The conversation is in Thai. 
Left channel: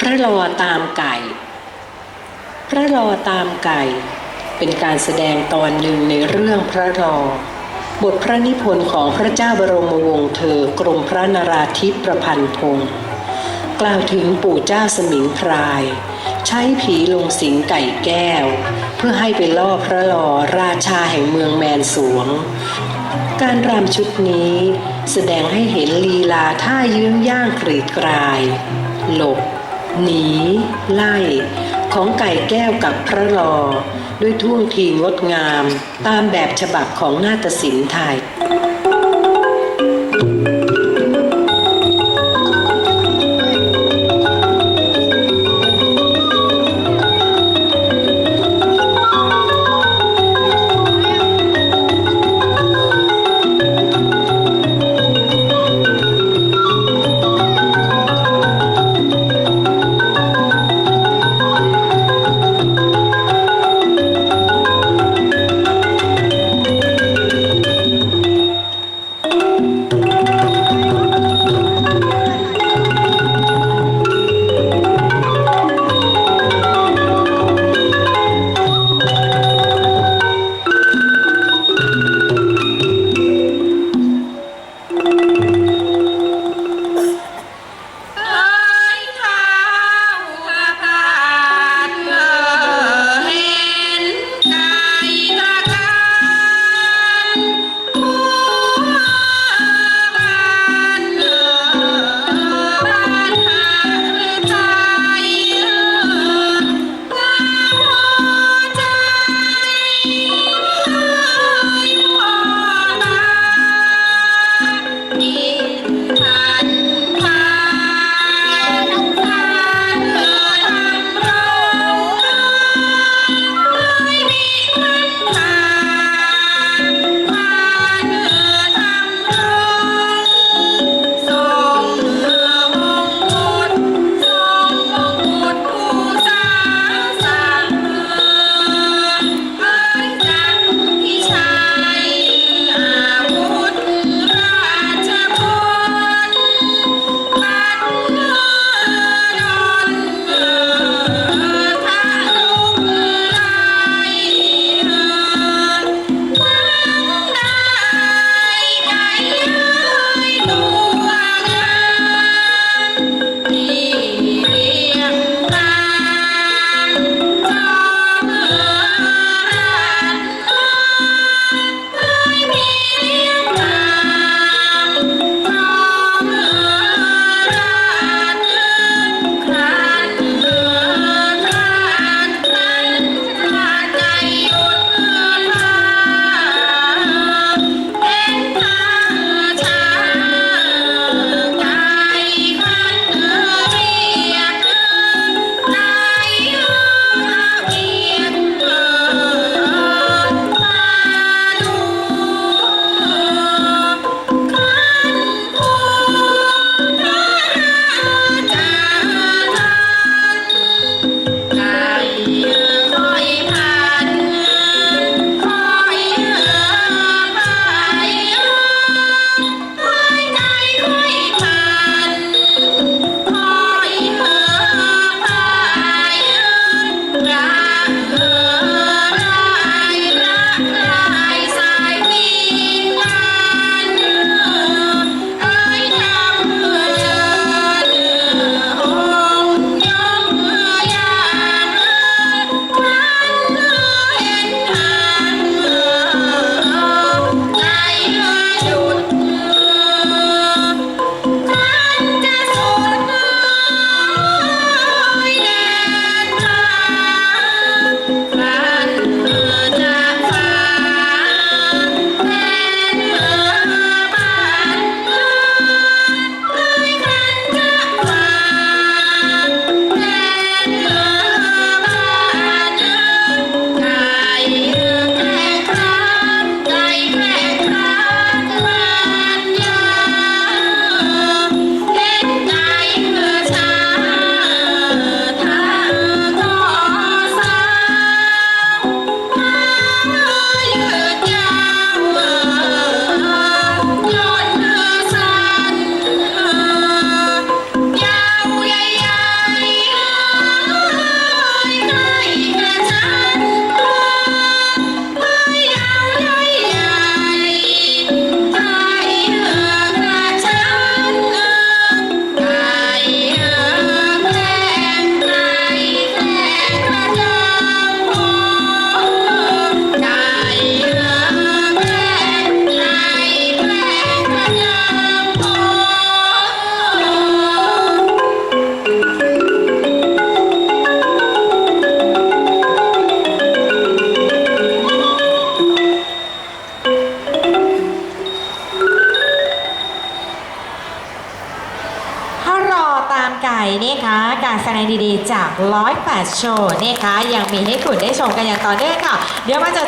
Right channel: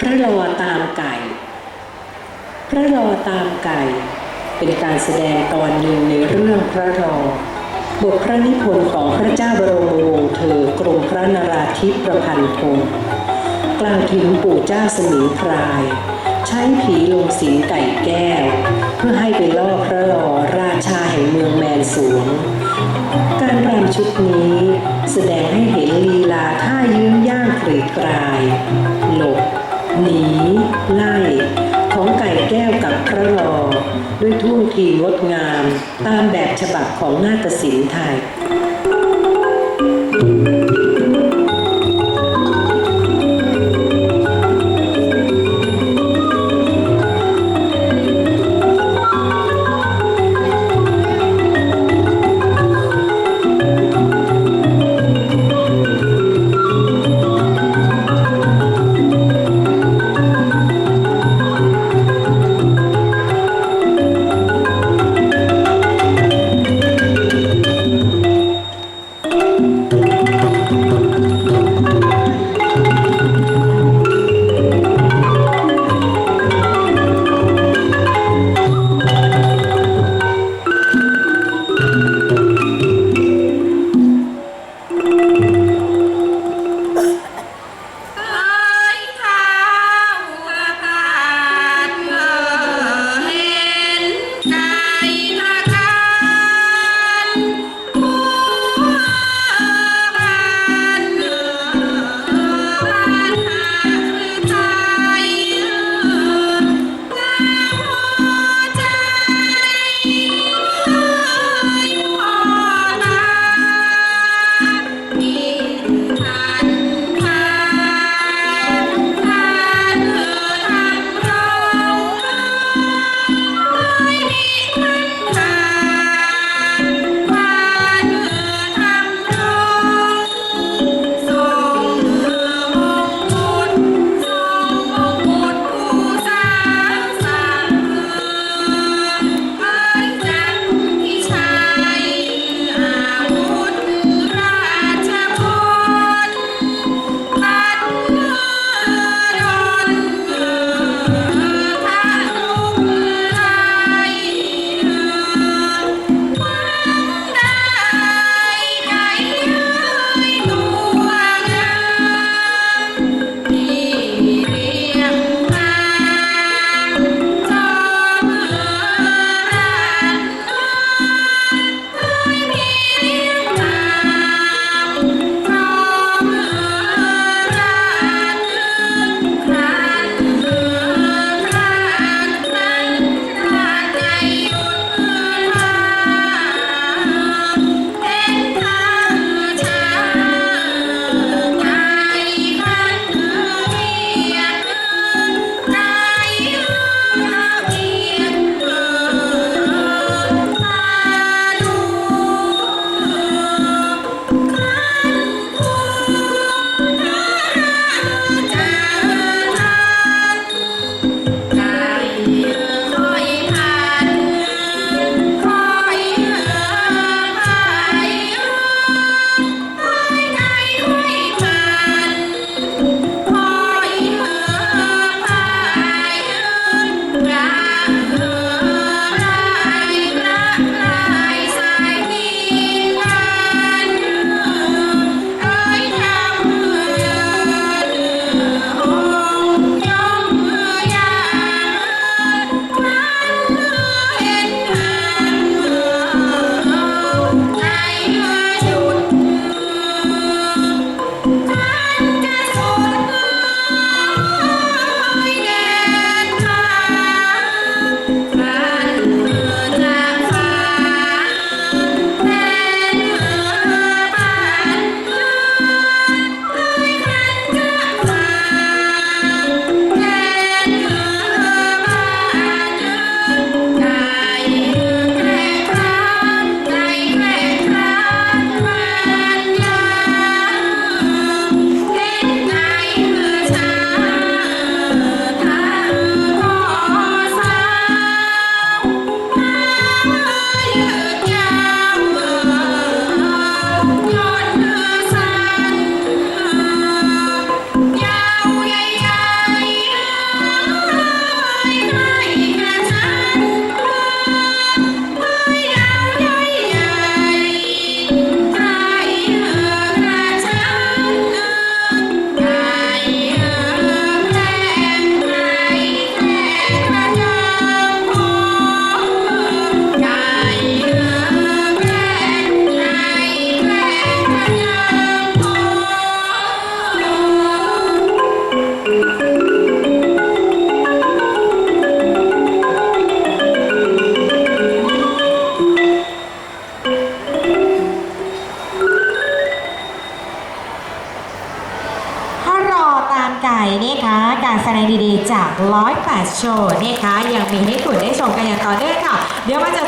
พระรอตามไก่ พระรอตามไก่ เป็นการแสดงตอนหนึ่งในเรื่องพระรอบทพระนิพนธ์ของพระเจ้าบรมวงศ์เธอกรมพระนราธิปประพันธ์พงศ์กล่าวถึงปู่เจ้าสมิงพราย ใช้ผีลงสิงไก่แก้ว เพื่อให้ไปล่อพระลอราชาแห่งเมืองแมนสวง การรำชุดนี้แสดงให้เห็นลีลาท่ายื้งย่างกรีดกราย หลบ หนี ไล่ ของไก่แก้วกับพระลอด้วยท่วงทีงดงาม ตามแบบฉบับของนาฏศิลป์ไทย นี่คะการแสดงดีๆจากร้อยแปดโชว์นี่คะยังมีให้คุณได้ชมกันอย่างต่อเนื่องค่ะ เดี๋ยวมาเจอ